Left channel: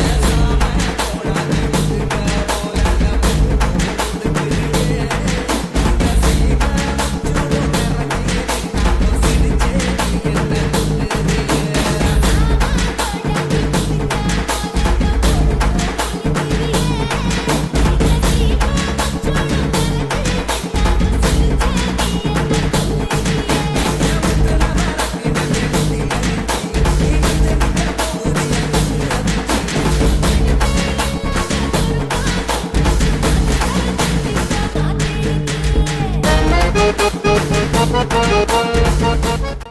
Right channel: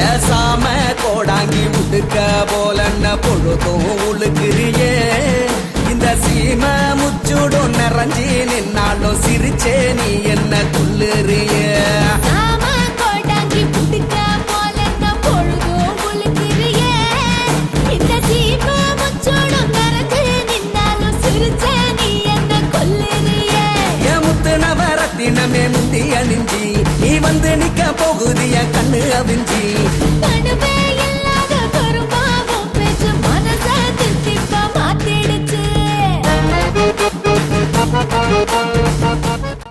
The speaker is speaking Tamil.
ஏசாம கோடாங்கி முடுக்க போலன்ன பொழுதும் உழுக்கிறியே இந்த சீம முச்சுடும் நிறைஞ்சி நின்னாலும் சிரிச்சே நீ என்ன துள்ளுறியே நீ வந்து நிக்க போகுது என் கண்ணு அவிஞ்சி